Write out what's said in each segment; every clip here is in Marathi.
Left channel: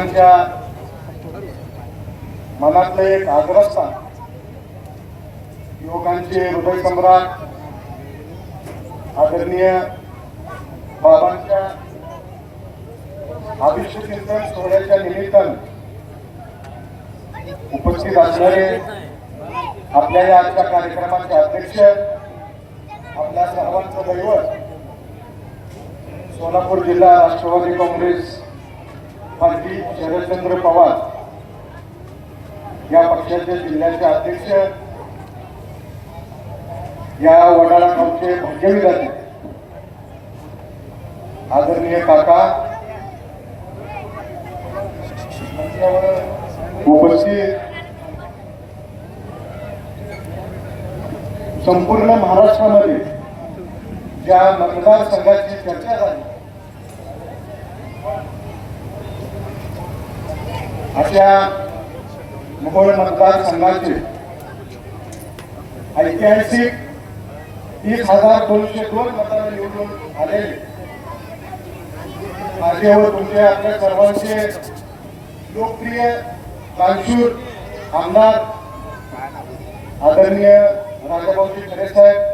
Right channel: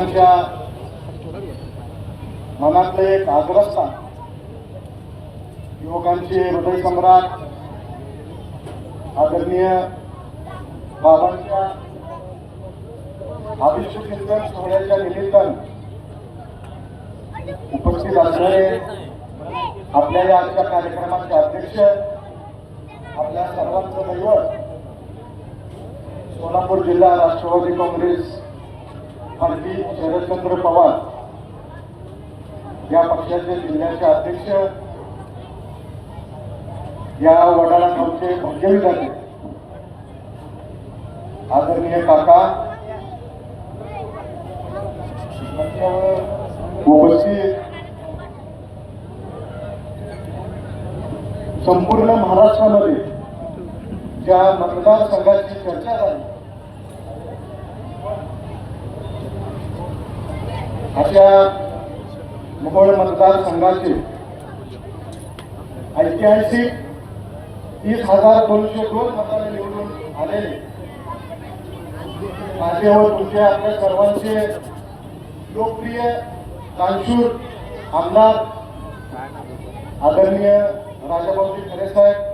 लोकांच्या मनातलं एक आग्रस्था युवकांचे हृदय सम्राट आदरणीय बाबांच्या अभिषेक चिंतन सोहळ्याच्या निमित्तानं उपस्थित असणारे आपल्या या आजच्या कार्यक्रमाचे अध्यक्ष आपल्या सर्वांचं दैवत सोलापूर जिल्हा राष्ट्रवादी काँग्रेस पार्टी शरदचंद्र पवार या पक्षाचे जिल्ह्याचे अध्यक्ष या वडाळा गावचे भाग्यविधाते आदरणीय काका उपस्थित संपूर्ण महाराष्ट्रामध्ये ज्या मतदारसंघाची चर्चा झाली आपल्या मोहोळ मतदारसंघातील ऐतिहासिक तीस हजार दोनशे दोन मतदार निवडून आलेले. माझे व तुमचे आपल्या सर्वांचे लोकप्रिय कानशूर आमदार आदरणीय राजाभाऊजी खरे साहेब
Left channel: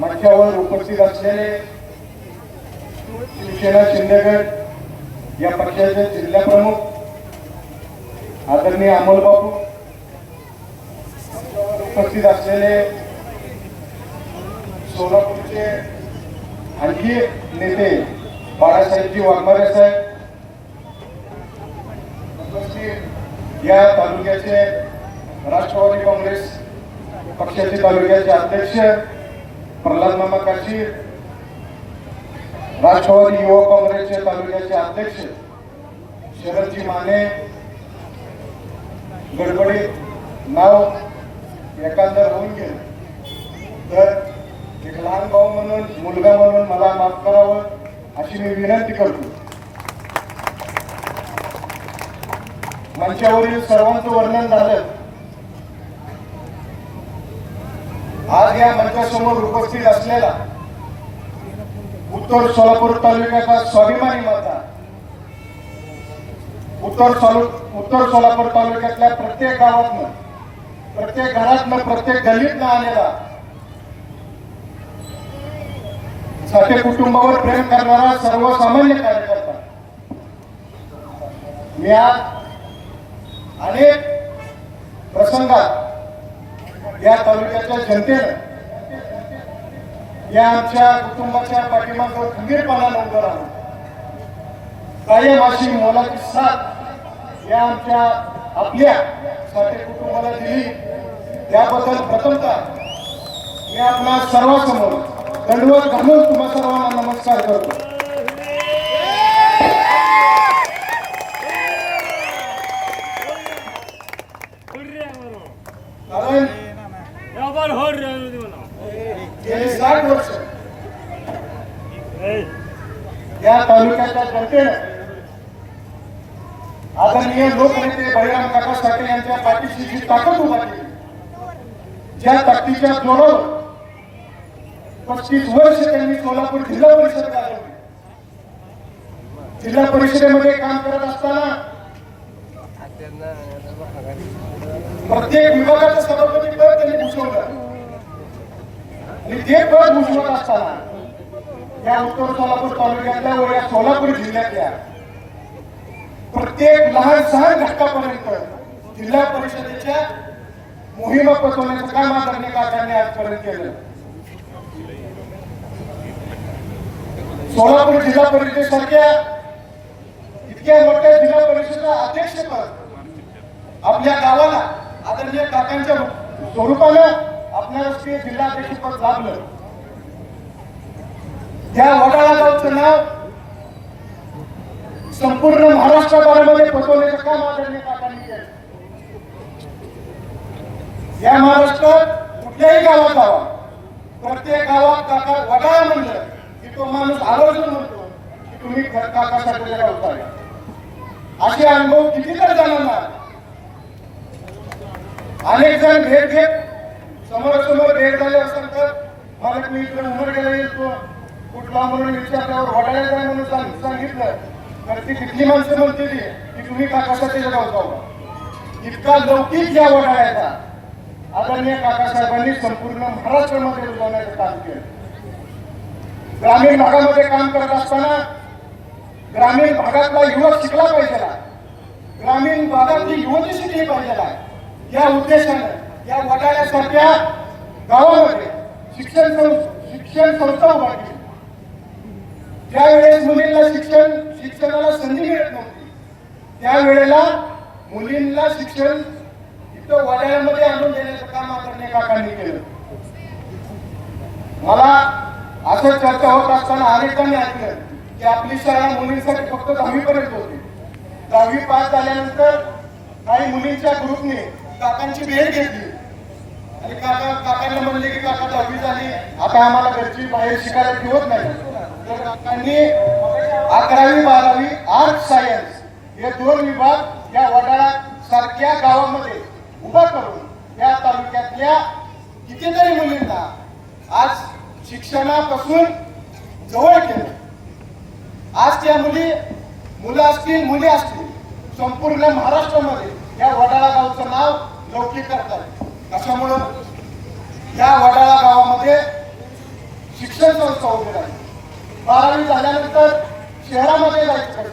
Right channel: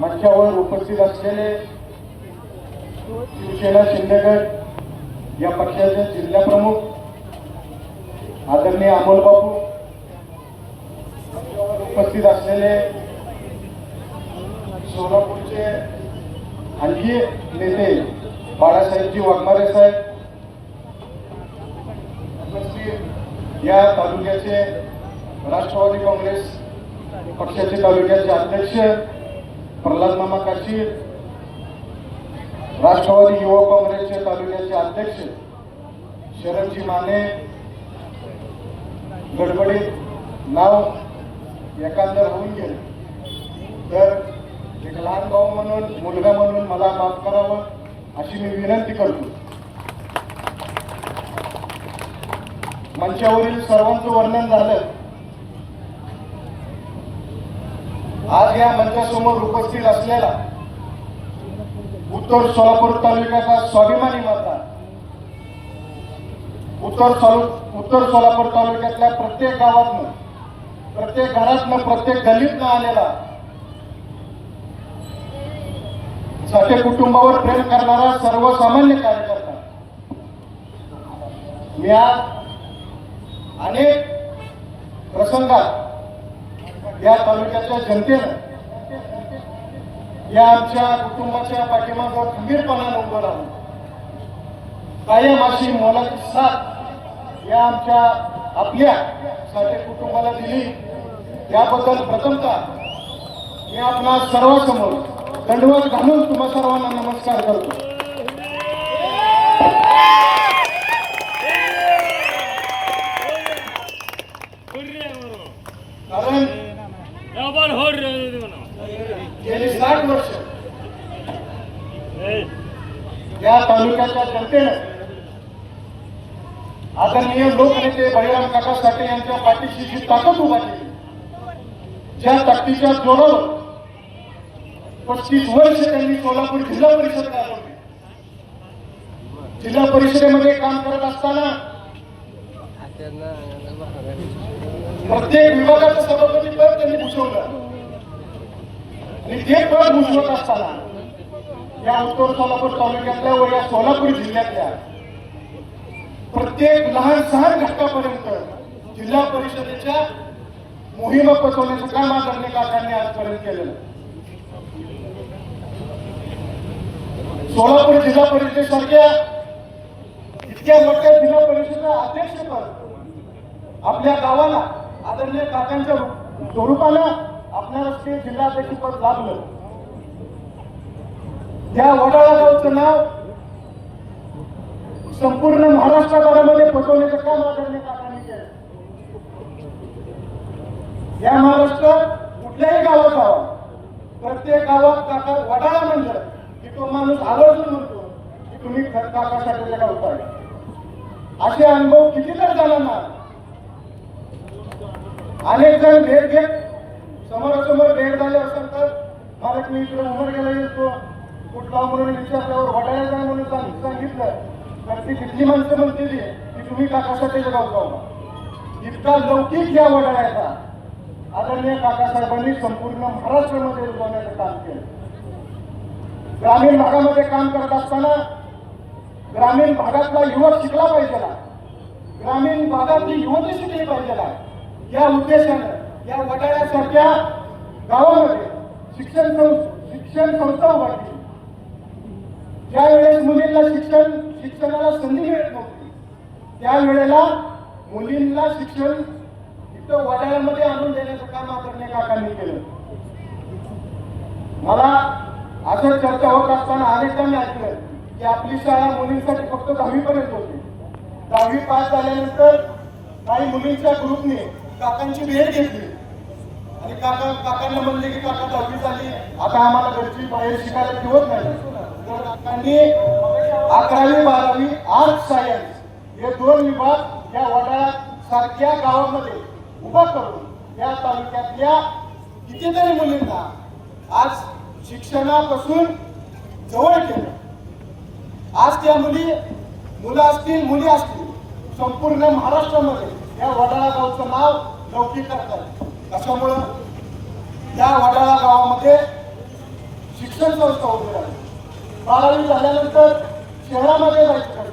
मंचावर उपस्थित असलेले शिवसेना शिंदेगड या पक्षाचे जिल्हा प्रमुख आदरणीय अमोल बाबू उपस्थित असलेले सोलापूरचे आणखी नेते बाळासाहेबजी वाघमारे साहेब उपस्थित या तालुक्याचे राष्ट्रवादी काँग्रेस पक्षाचे तालुक्याचे अध्यक्ष प्रल्हाद मामा काशी राष्ट्रवादी युवक काँग्रेसचे तालुक्याचे अध्यक्ष शरदजी माने गडबडीत नाव एखादं होऊन गेलं तर एक लहान भाऊ म्हणून मुलगा म्हणून मला माफ करावं अशी मी विनंती करतो. मंचावरील सर्वांचं वर्णन झालं. आज या मंचासमोर उपस्थित असलेला उत्तर सोलापूर तालुक्याचा स्वाभिमानी माता उत्तर सोलापूर उत्तर सोलापूर तालुक्यातल्या प्रत्येक गावातनं प्रत्येक घरातनं प्रत्येक गल्लीतनं आलेला साठे कुटुंबावर प्रेम करणारा सर्वसामान्य कार्यकर्ता. मी आज अनेक प्रसंगात या तालुक्याच्या जनतेनं या आमच्या कुटुंबाच्या पाठीमागं खंबीरपणा नोंदवला कायम अशी मोलाची साथ या आमच्या आपल्या साठे कुटुंबाला दिली. याबद्दल प्रथमतः मी आपल्या सर्वांसमोर दंडवत घालून तुम्हा सर्वांना नमस्कार करतो. साठ वर्ष. या तालुक्याच्या जनतेनं आदरणीय लोकनेते बळीराम काका साठे यांच्या पाठीशी जी ताकद उभा केली ज्या ताकदीच्या जोरावर पस्तीस वर्ष त्यांनी सोलापूर जिल्हा परिषद चालवली जिल्हा परिषदेमध्ये काम करत असताना प्रत्येक विभागाचं सभापती पद त्यांनी भूषवलं. आणि ते पद भूषवत असताना या उत्तर सोलापूर तालुक्यातल्या व या सोलापूर जिल्ह्यातल्या प्रत्येक लहान सहान घटकापर्यंत जिल्हा परिषदेच्या मोहिमा पचवण्याचं काम आदरणीय काकांनी आजपर्यंत केलं. सोलापूर जिल्हा परिषदेसारख्या इतक्या मोठ्या जिल्हा परिषदेला अध्यक्षपद आपल्या गावाला आदरणीय काकांच्या स्वरूपानं आपल्याला ते जिल्हाध्यक्षपद लाभलं. त्या वडाळाचं नाव संपूर्ण महाराष्ट्रामध्ये फसवण्याचं काम आदरणीय काकांनी केलं या महाराष्ट्रात कुठल्याही गावात आला प्रत्येक गावात काका वडाळा म्हणलं की तो माणूस आवर्जून म्हणतो की तुम्ही काकासाठी होता असे अनुभव किती तर जणांना अनेक जण भेट घेत समोरासमोर भेट झाले असेल तर मला तुम्ही इकडे उमर गेला येतो कुठला म्हणून विचारल्यावर वडायला म्हणून सांग- सांगितलं. तर ती तिथली माणसं म्हणते की तुम्ही काकासाहेब गाव जाऊ इतका लौकिक या वडाळ्याचा आदरणीय काकासाहेबांनी संपूर्ण महाराष्ट्रामध्ये उजवण्याचं काम केलं. ग्रामीण भागामध्ये काम करत असताना ग्रामीण भागातला युवक शिकला पाहिजे. ग्रामीण भागातली युवती शिकली पाहिजे. या उद्देशानं या वडाळ्यासारख्या गावामध्ये शिक्षण शिक्षण संस्था उभारली. ज्यावेळेस मुलींना शिक्षण शिक्षणाला संधी मिळत नव्हती त्यावेळेला मुलींना शिक्षण इथं वाड्यामध्ये आणून देण्याचं काम आपण काकांनी केलं. मला असं चर्चा होत असताना अनेकांनी ऐकलं की आपली शाळा मुलींसाठी फक्त दहावी पर्यंत होती. दहावी पास झाल्यानंतर काही मुलींच्या ग्रुपने काकांची भेट घेतली. आणि काका काकांना म्हणले की काका दहावी झाली. आता आम्हाला घरची बाहेर शिकायला ठेवत नाही. काकांनी अकरावी बारावी आर्ट सायन्स हे दोन विभाग या वडाळा सारख्या गावामध्ये उभा करून या तालुक्यातल्या कितीतरी मुलींना आज शिक्षणापासून जवळ केलं. आज त्या मुली मुलं असतील मुली असतील संपूर्ण महाराष्ट्रामध्ये या वडाळा गावचं नाव लौकिक करतात कशामुळं? या वडाळा गावामध्ये शिक्षण संस्था उभी राहिली. बारावी झाल्यानंतर शहरामध्ये जायचं.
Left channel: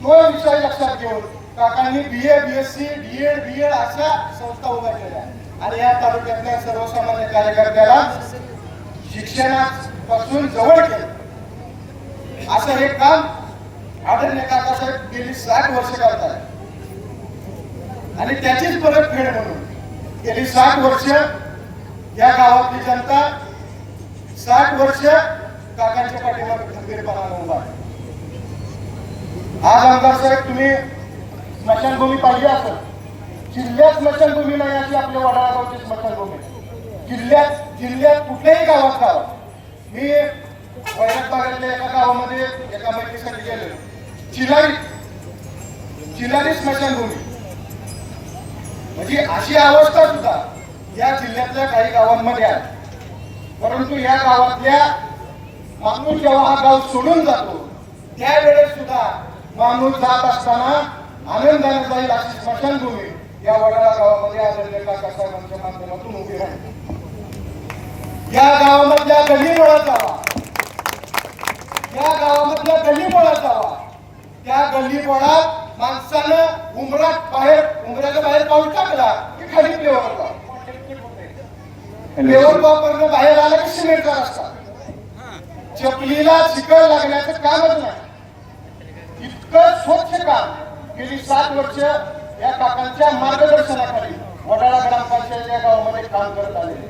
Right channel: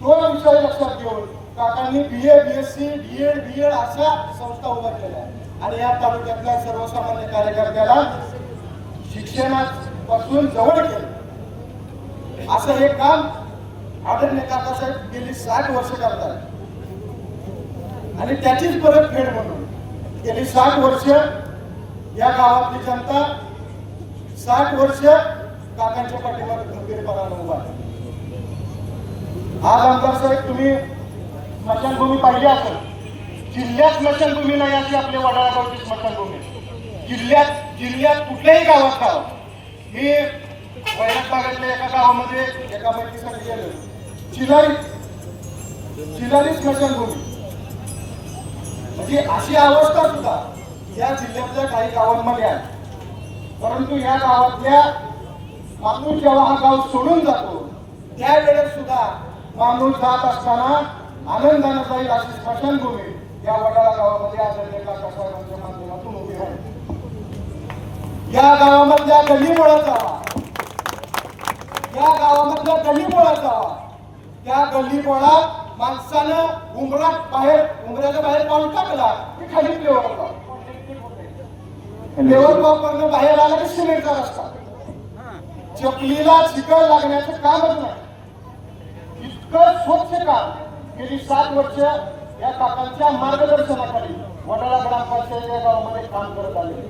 तो विषय लक्षात घेऊन काकांनी B A B S C D Ed B Ed अशा संस्था उभ्या केल्या. आणि या तालुक्यातल्या सर्वसामान्य कार्यकर्त्याला शिक्षणापासून जवळ केलं. असं हे काम आदरणीय काकासाहेब गेली साठ वर्ष करतात. आणि त्याचीच परतफेड म्हणून गेली साठ वर्ष या गावातली जनता साठ वर्ष काकांच्या पाठीमागे खंबीरपणाने उभा आज आमदार साहेब तुम्ही स्मशानभूमी पाहिजे असेल. जिल्ह्यात स्मशानभूमी नाही अशी आपल्या वडाळा स्मशानभूमी. जिल्ह्यात जिल्ह्यात कुठल्याही गावात गाव मी वैराग भागातल्या एका गावामध्ये एका बैठकीसाठी गेलो. चिलारी चिलारी स्मशानभूमी. म्हणजे अशी अवस्था सुद्धा या जिल्ह्यातल्या काही गावांमध्ये आहे परंतु या गावातल्या माणूस जेव्हा हा गाव सोडून जातो त्यावेळेस सुद्धा माणूस जात असताना आनंदाने जाईल अशी स्मशानभूमी या वडाळा गावामध्ये आदरणीय काकासाहेबांच्या माध्यमातून उभी आहे या गावामधल्या गली मुळात जावा. या गावामधल्या गली मुळात जावा. त्या गल्ली मुळात माणसानं उमरात बाहेर उमऱ्याच्या बाहेर पाऊल टाकला की खाली लेवल वापरणं बाहेर आलं की सिमेंटचा रस्ता चपलीला चिकळ लागण्याचं कामच नाही. इतकं स्वच्छ काम गेली सात वर्ष या काकांच्या मार्गदर्शनाखाली वडाळा ग्रामपंचायत या गावामध्ये काम करत आले.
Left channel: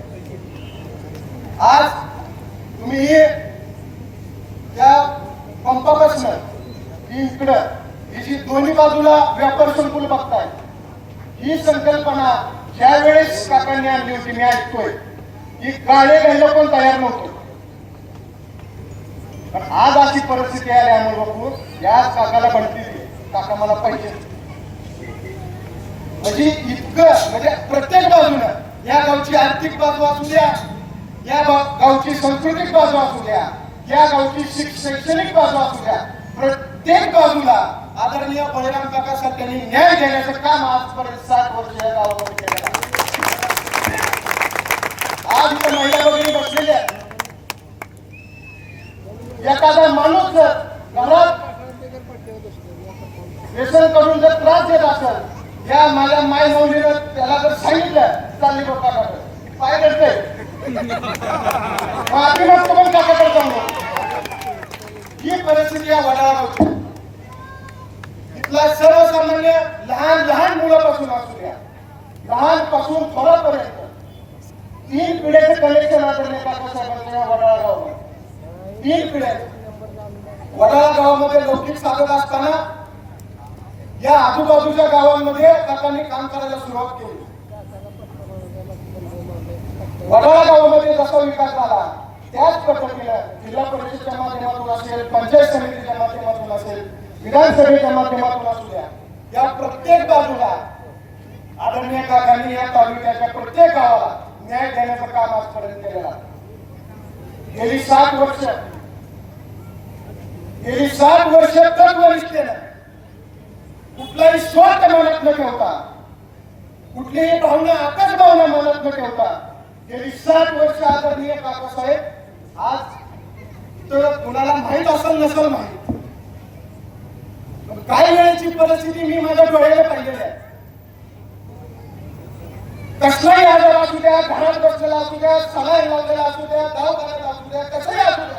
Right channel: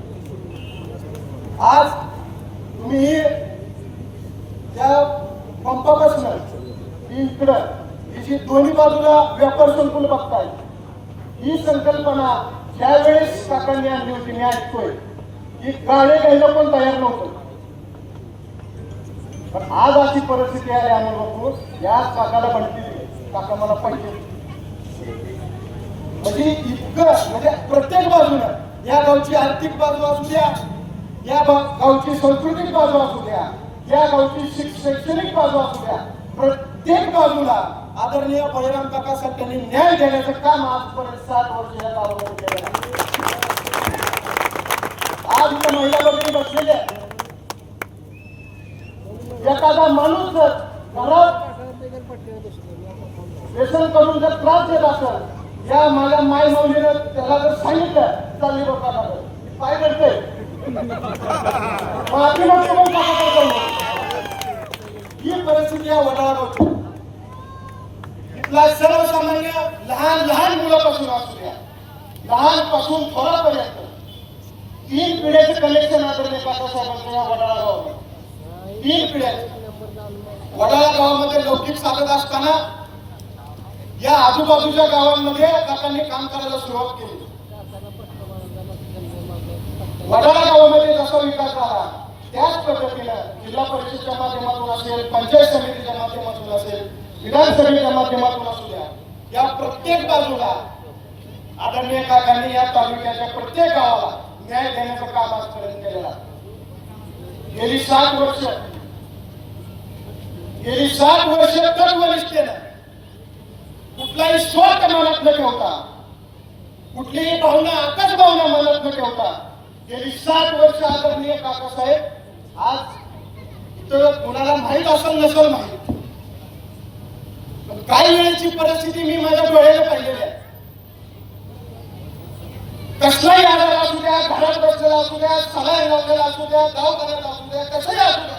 आज तुम्ही त्या पंपापासून इकडं ही जी दोन्ही बाजूला व्यापार संकुल बघताय ही संकल्पना ज्यावेळेस काकांनी आणली होती मी ऐकतोय की गाडी घ्यायला पण तयार नव्हतं. पण आज अशी परिस्थिती आली आम्ही बघू. या काकाला बनती काका मला पाहिजे म्हणजे इतकं म्हणजे प्रत्येक बाजूनं या गावची आर्थिक बाजू असू द्या या गावची सांस्कृतिक बाजू असू द्या या गावची शैक्षणिक बाजू असू द्या प्रत्येक बाजूला आदरणीय बळीराम काका साहेबांनी न्याय देण्याचं काम आजपर्यंत सात वर्ष या गावामध्ये केलं आज महिला वगैरे बसलेल्या एखादा माणूस जर घरात व्यसन करून जर त्रास देत असेल या माझ्या माय मुलीनं त्याला जर सांगितलं चालली डोक्याकडे पाय रडते आम्ही म्हणतो त्याच्याकडे जाऊ ही परिस्थिती या वडाळा गावची इथला सर्वसामान्य लहान लहान मुलापासून असू द्या. लहानपासून पर्यंत तीन पिढ्याचे कलेक्शन आदरणीय काकासाहेबांच्या या वडाळा गावामध्ये तीन पिढ्या वडाळा गावामध्ये लौकिक साधत असताना या आजूबाजूच्या गावांमध्ये काकांनी काम करायला सुरुवात केली. वडाळा गावामध्ये जसा विकास झाला त्याच पद्धतीनं जिल्हा परिषदेच्या माध्यमातून असेल पंचायत समितीच्या माध्यमातून असेल विधानसभेच्या माध्यमातून असू द्या या प्रत्येक बाजूला आदरणीय काकांनी या तालुक्याच्या प्रत्येक गावाला न्याय देण्याचं काम आजपर्यंत केलेलं गेली सात वर्ष गेली सात वर्ष तत्वनिष्ठेनं कुठलाही स्वार्थ मनात न ठेवता कुठलीही भावना आकाश भावना मनात न ठेवता गेली सात वर्ष आदरणीय काकासाहेब आज इथं कुणाला माहीत असेल नसेल माहीत. पण काही वेळेची परिस्थिती मी माझ्या डोळ्याला पाहिलेली आहे. कसलाही आजार असू द्या घरात बसलेला असू द्या सलाईन लावलेला असू द्या दवाखान्यात असू द्या कसंही असू द्या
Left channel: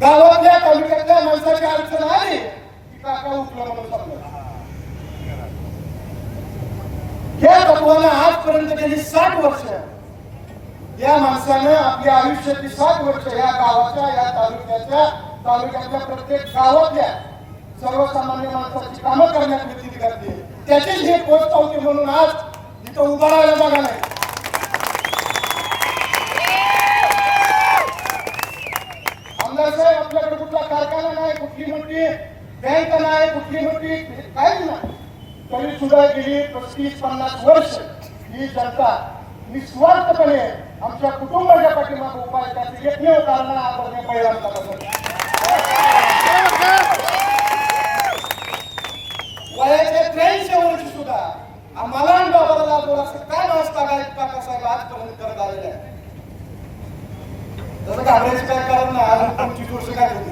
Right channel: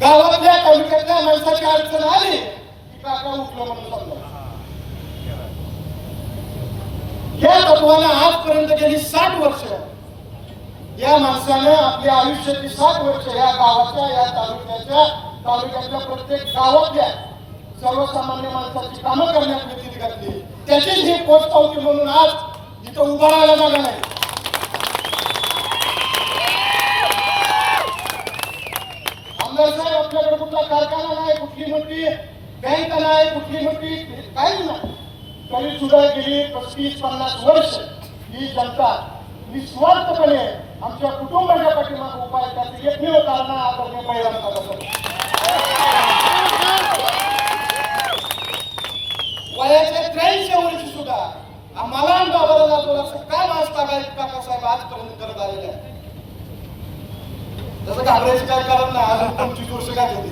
गावातल्या तालुक्यातल्या माणसाची अडचण आली की काका उठलं म्हणून समजा या तत्वाला आजपर्यंत गेली साठ वर्ष. या माणसानं आपल्या आयुष्याची साठ वर्ष या गावाच्या या तालुक्याच्या तालुक्याच्या प्रत्येक गावातल्या सर्वसामान्य माणसाची कामं करण्यात व्यतीत घातली त्याचीच हे पोचपावती म्हणून आज इथं उभारायला जागा नाही. आमदार साहेब आपल्याकडे कुठला कारखाना नाही कुठली मोठी बँक नाही कुठली मोठी काहीच नाही. तरी सुद्धा गेली पस्तीस पन्नास वर्ष. ही जनता निस्वार्थपणे आमच्या कुटुंबाच्या पाठीमागे उपाय त्याचे एकमेव कारण आपण महिलांचा वयाच्या त्र्याऐंशी वर्षी सुद्धा आम्हाला आणि बाबाला लागलो असं काय माणूस काका साहेब आजपर्यंत करत आलेले आहे? त्याचं घाबरायचं काय कारण नाही. अजून पंचवीस वर्ष काय होती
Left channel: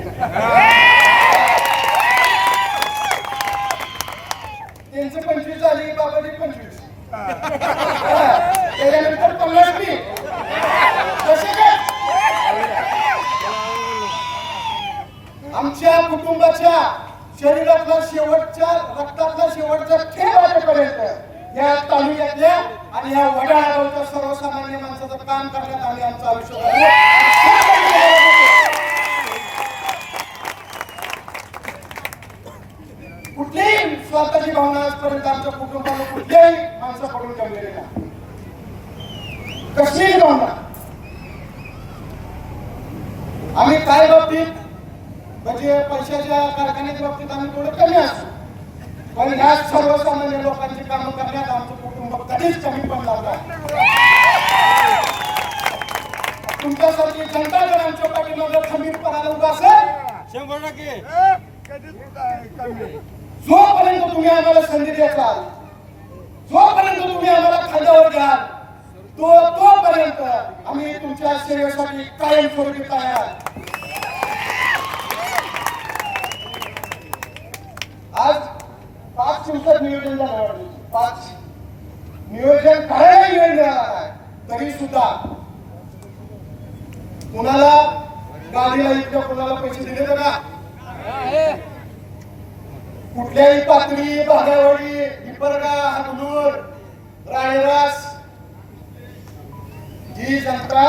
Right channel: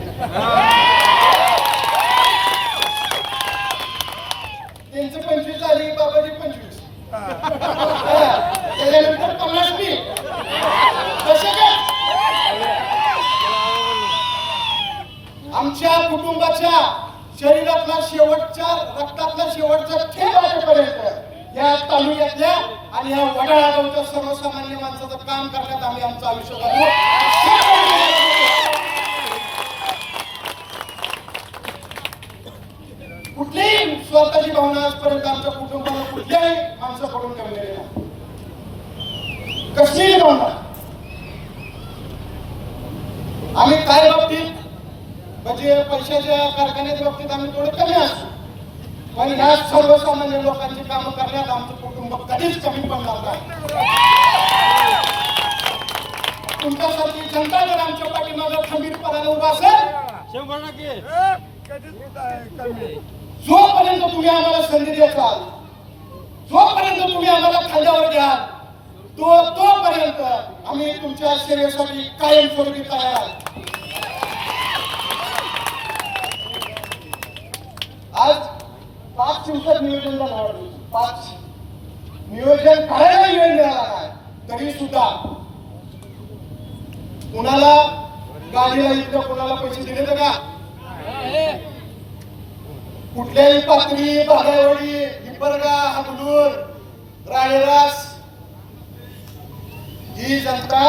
त्यांचं पंचवीस झाली बाबाची पंचवीस. त्याच्यानंतर पन्नास मी कसे काय? आमच्या कुटुंबाच्या शरीरातला शेवटच्या रक्तातला शेवटचा खेळ वाजेपर्यंत या तालुक्यातल्या आणि या वडाळा गावच्या सर्वसामान्य माणसाचं काम करण्यात आम्ही आमचं आयुष्य कुठलीही स्वतःची भावना आजपर्यंत आमच्या कुटुंबाला कुठल्याही माणसाकडून ठेवलेली नाही. कसलीही भावना. आम्ही काय बाबतीत? म्हणजे पैशाच्या कारखान्याच्या बाबतीत आम्ही थोडे कमी असतो पण ह्या सर्वसामान्य लोकांची कामं करण्यात आमचं कुटुंब कधीच कमी पण नव्हता तुमच्यासारखी जनता जर आमच्या पाठीमागे खंबीरपणाने उभा असेल जोपर्यंत तुम्ही आम्हाला संधी द्याल जोपर्यंत तुम्ही आम्हाला खांद्यावर घ्याल तो तोपर्यंत आम्ही तुमच्या सेवेसाठी कायम स्वरूपी तयार आज पाच दिवसात नियोजन झालं. पाच नियोजन करायला वेळ मिळाला नाही तरी सुद्धा कुणाला गाडीला इथं कुणाला पैसे दिले तर का? कुठल्याही पातळी भागावडी हिपरगा हाकलूर राणीरास ही जनता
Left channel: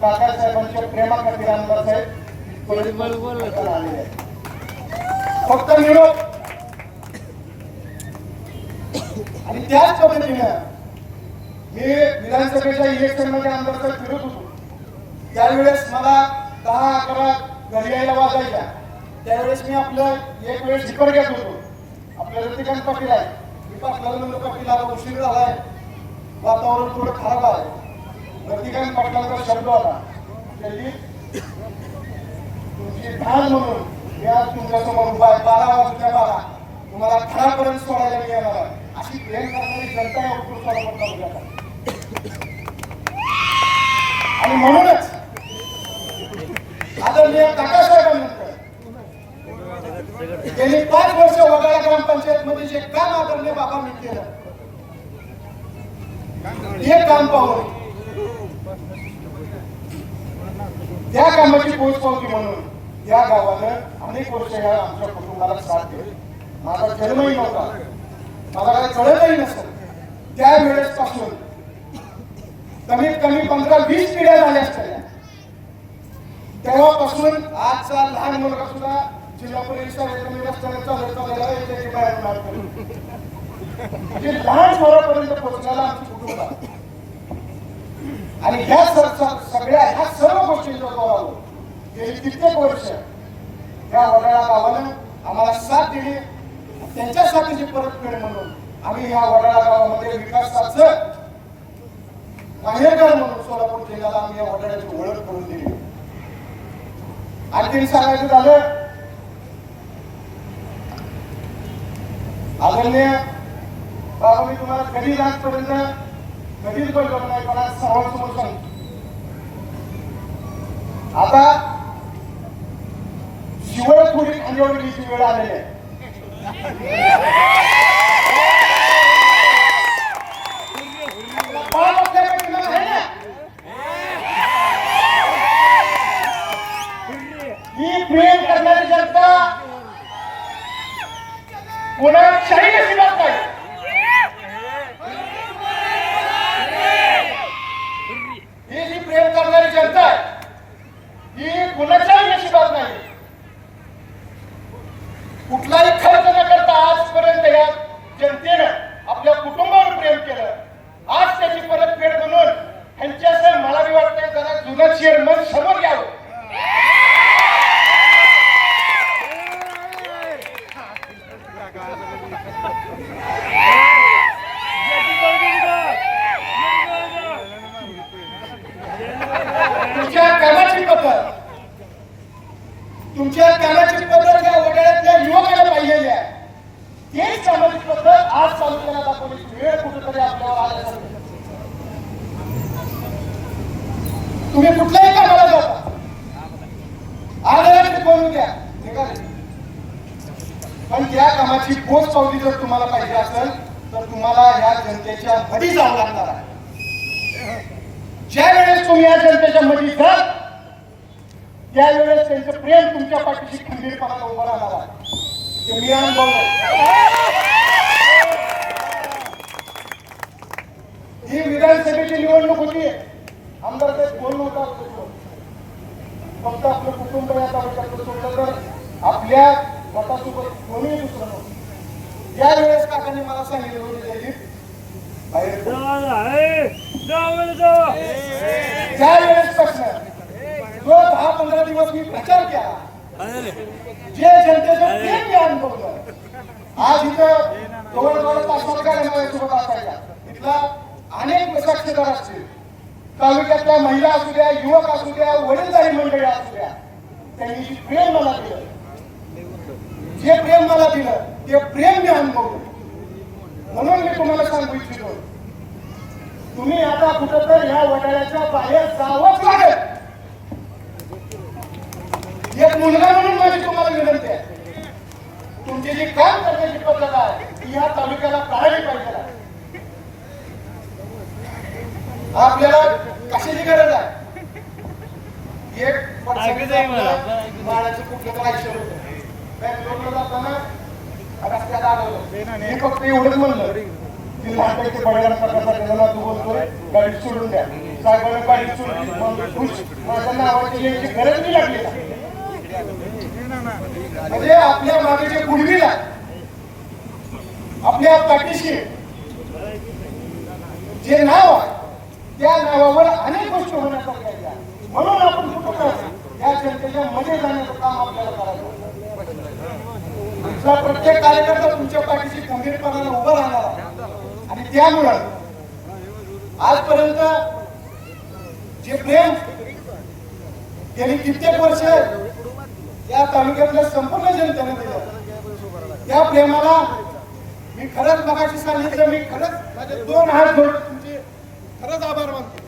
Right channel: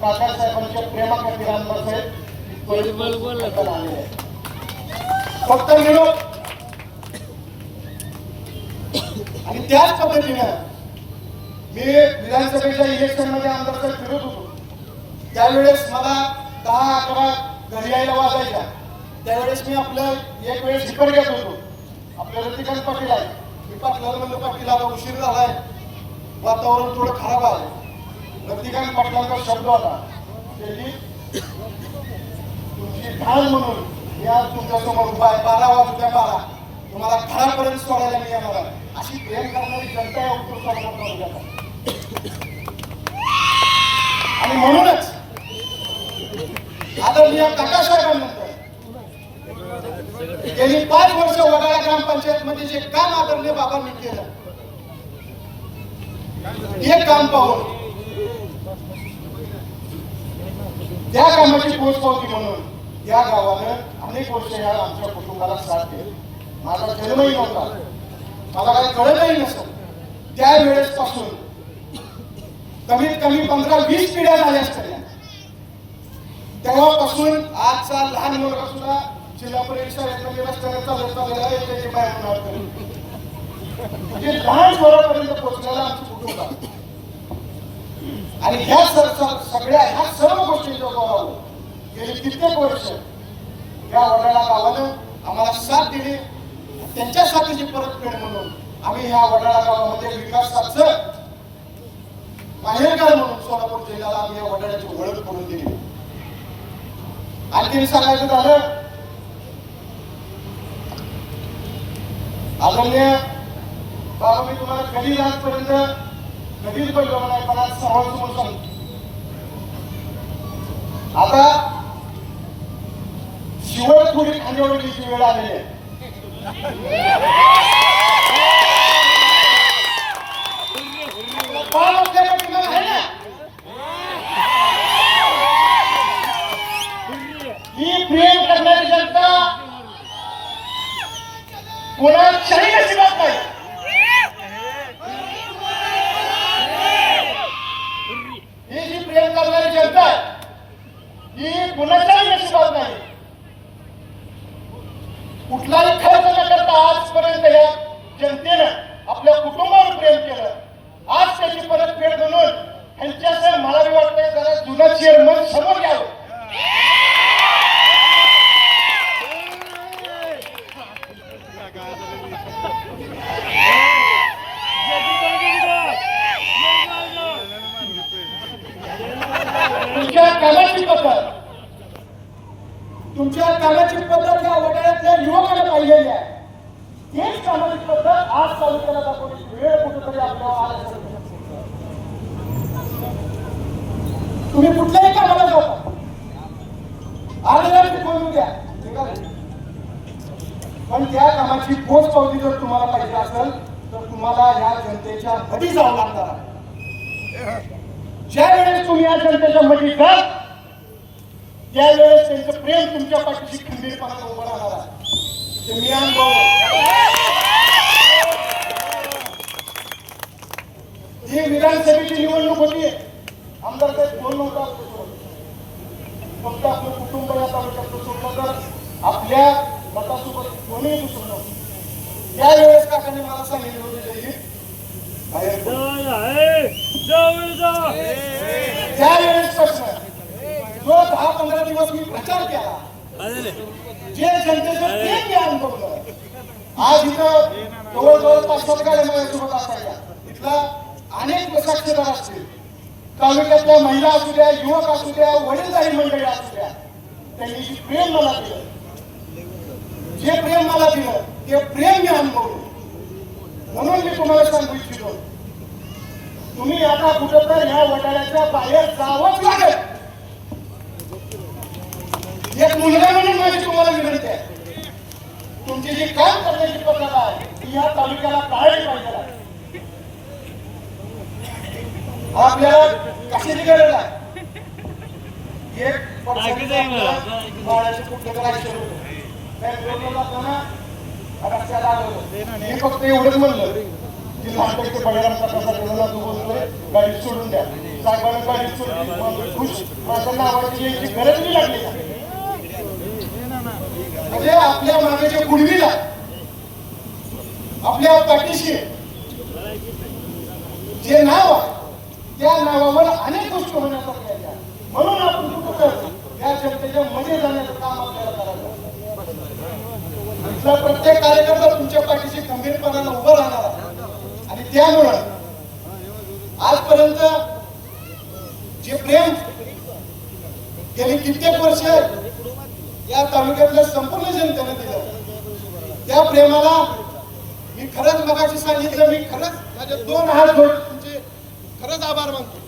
काकासाहेबांच्या प्रेमाखातीर आमदार साहेब फक्त निरोप. आणि त्याच पद्धतीनं मी विधानसभेच्या इलेक्शनमध्ये आमदार फिरत होतो. त्यावेळेस मला दहा अकरा घरी यायला वाजायच्या. त्यावेळेस मी आपलं एक वेळेस हिपर घेत होतो. आपलं रतिकांत पाटील आहे. मी पाटलाला म्हणलं पाटील आता उशीर झालाय. वातावरण थोडं खराब आहे. रतिकांत पाटलांचा शब्द आला त्याची तुमची ढाल म्हणून मी आज तुमच्यासमोर उभा आहे. बारा वाजता बारा. तुम्हाला घरापर्यंत सोडायला मी येणार आहे. अशी करणारी जनता या उत्तर सोलापूर तालुक्यात आणि म्हणूनच आदरणीय काकासाहेबांनंतर गेली पाच वर्ष वडाळा ग्रामपंचायत मध्ये जे काम आदरणीय बाबांनी केलं हे काम पाहून त्या कामाची पोचपावती म्हणून या गावानं अनेक वर्ष या आमच्या कुटुंबाला साथ दिली. माझा जन्मही नव्हता. मला काही कळतही नसेल त्यावेळेस पासून कमीत कमी पंधरा वीस पिढ्या झाल्या असतात तेव्हापासून आजचा लहान मुलगा सुद्धा जिल्हा परिषद रस्त्याने चालत चाललेला आहे त्याची बाय होणार म्हणजे लहान मुलापर्यंत पोहोचलेला आमचं कुटुंब आहे. आणि ह्या सर सगळ्या ह्या सर्व गोष्टींच्या जोरावर गेली कित्येक वर्ष या वडाळा गावानं आम्हाला साथ दिली. त्यांच्यासाठीची परतफेड म्हणून आम्ही ह्या वडाळा गावामध्ये विकासाचं माहेरघर म्हणून सोलापूर जिल्ह्याला आम्ही या वडाळ्याची ओळख करून दिली. आणखी सांगायचं झालं आदरणीय बाबा मी तुम्हाला कधी आजपर्यंत कधीच बोललो नाही पण आज समोर समोर सांगतो आता शिवळखोरी खांदेवडीची वेळ आलेली आहे. ही प्रेम करणारी जनता कोणाच्याही नशिबात नाही ही जी प्रेम करणारी जनता आहे ही कुणाच्याही नशिबात नाही कुठलाही खर्च न करता आजपर्यंत या जनतेनं आपल्या कुटुंबावर प्रेम केलं आज त्याची परतफेड म्हणून यांच्या सर मला बी वाटतंय जरा जुनं चेअरमन समोर यावं तुमच्या कामाची पद्धत तुमच्या कामाची पद्धत या वडाळ्यातल्या युवकांना पाहिलेली आहे. तेच कामाची पद्धत आज चालू करण्यात आपण. वेळ कुठेतरी आपल्याला पाहायला तुम्ही कुठल्याही कामाला जाऊ. अर्ध्या करून द्या पण त्या कामाची पोच पावली जर तुम्हाला पाहिजे असेल तर तुम्हाला या जनतेच्या मधी जावं लागणार आहे. ज्या वेळेस तुम्ही या जनतेच्या मधी जा त्यावेळेस त्यांचं प्रेम तुमच्या पाठीशी खंबीरपणाला उभं राहणार आहे ते मी ही विधानसभेची निवडणूक होती. आमदार ते दोन होता फक्त आपलं कुटुंब या तालुक्यातलं सोडलं तर आपल्या गटासोबत कोणीही दुसरं नव्हतं. त्यावेळेस काकांनी मला सांगितलं होतं जयदीप बाहेर. त्यावेळेस जो दहा पंधरा दिवस मी प्रचार केला. जे जनतेचं प्रेम मी अनुभवलं. आज इथं जवळजवळ पाच गाड्या माझ्यासोबत असायच्या तिथला अनेक साक्षीदार असतील. तालुक्यातल्या महिला असू द्या युवक असू द्या वडीलधारी मंडळी असू द्या त्यांनी जे प्रेम मला दिलं. जे प्रेम मला दिलं ते प्रेम मी अनुभवलं. म्हणून मी तुम्हाला सांगू इच्छितो. तुम्ही आता कुठं तर ह्या वडाळ्याच्या बाहेर जावंच लागेल. एक मुलगा म्हणून माझी तुम्हाला विनंती आहे. तुमची जी काम करण्याची पद्धत आहे ती या तालुक्याला कळायला पाहिजे. आपल्याला कशाची गरज आहे? एक कुठलं तर आयुष्य जाताना मी फक्त एवढंच म्हणलं. की लहानपैकी बघायला प्रकाशासाठी मला तू बोलतोय गाडी सोडून द्या. साहेबांनी गाडी माझ्या नावाची यायची गरज नाही लागली? म्हणजे आपल्या मागे जे आपल्या पाठीशी. जे नाव आहे त्या नावावर अनेक गोष्टी होण्याचा म्हणून आपण या जनतेच्या मध्ये जाण्याचं काम आपल्याला करायचं प्रत्येक कार्यकर्ता तुमच्या पाठीशी खंबीरपणाने उभं राहणार आणि त्यामुळं आजपर्यंत जे प्रेम गेली कित्येक वर्ष या तालुक्यातल्या संपूर्ण जनतेने दिलं. त्या प्रेमाला मी खरंच मगाशी सांगितलं मी खरंच माझे दोन हात तुमचे खरंच आभार मानतो.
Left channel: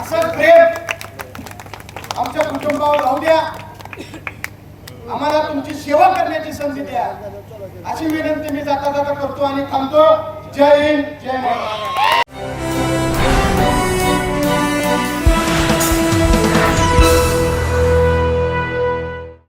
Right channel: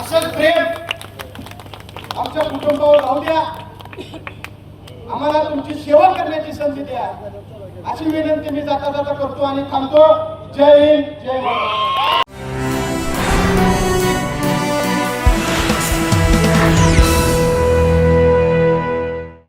असं प्रेम आमच्या कुटुंबावर राहू द्या. आम्हाला तुमची सेवा करण्याची संधी द्या. अशी विनंती मी जाता जाता करतो आणि थांबतो. जय हिंद जय महाराष्ट्र.